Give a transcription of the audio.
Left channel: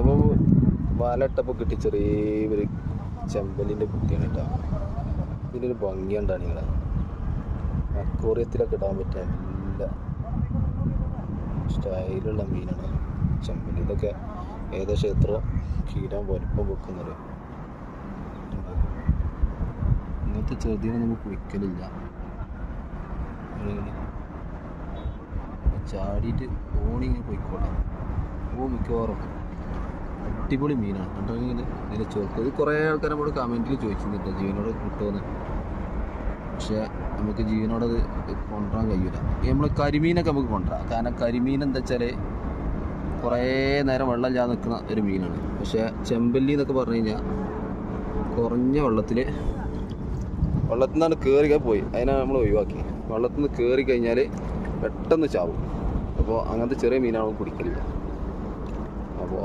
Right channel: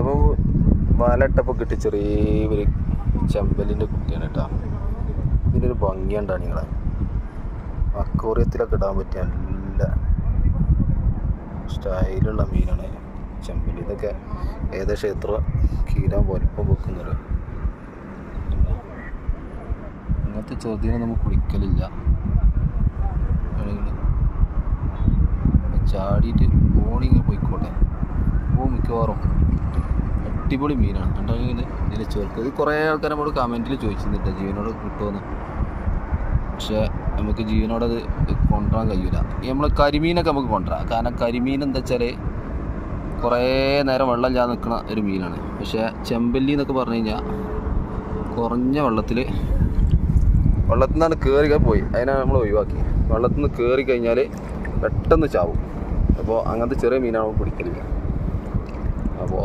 അപ്പോൾ വലട്ടപ്പോൾ കിട്ടി ചെറിയൊരു ചെമ്പലിൻ്റെ കുട്ടിയാണ് കേട്ടോ. ഇതിൻ്റെ ഒരു ഭംഗിയുണ്ടാണ് നിങ്ങളെ അക്വേറിയത്തിലൊക്കെ ഇടാൻ പറ്റിയ നല്ല സ്റ്റൈലുള്ള മീനാണ് ചെമ്പല്ലി. ഇതൊക്കെ ഏകദേശം എത്ര കിലോ വലിപ്പം വെക്കുന്നത്. ഇങ്ങനത്തെ ചെറുതിനെ നമുക്ക് കുടിക്കലില്ല. ചാടിയിട്ട് ബോണിങ് പോയിക്കോട്ടെ. മിക്കവാറും അടിപൊളി മീനാണ്. കണ്ടെങ്കിൽ ഇതിൽ ചേർക്ക്. ഇത് കുറേ ആൾക്കാർ നമ്മൾ കമൻറ്റിൽ ചോദിച്ചിരുന്നിട്ട് ജീവനോട് കിട്ടുമെന്ന്. പക്ഷേ നമുക്ക് ജീവനോടത് കൊണ്ടുവരാൻ കഴിയില്ല. നമ്മൾ കരിമീനൊക്കെ നമുക്ക് കൊണ്ടുവരാം. കാരണം കരിമീൻ എന്താ വെച്ചാൽ കുറേ നേരം വെള്ളം ഇല്ലാതെ നിൽക്കുന്ന ഒരു മീനാണ്. പക്ഷേ ചെമ്പല്ലി എന്നൊക്കെ പറഞ്ഞു കഴിഞ്ഞാൽ കുറഞ്ഞ വെള്ളത്തിൽ നിന്നാണ് കയറി പോയി. അതിനാണ് നമ്മൾ ഒഴിവാക്കി. വെള്ളത്തിൽ നിന്ന് കയറി കഴിഞ്ഞാൽ പെട്ടെന്ന് ചാവും. അപ്പോൾ അങ്ങനത്തെ ചെറിയ മീനാണ് പിടിക്കലില്ല. അപ്പോൾ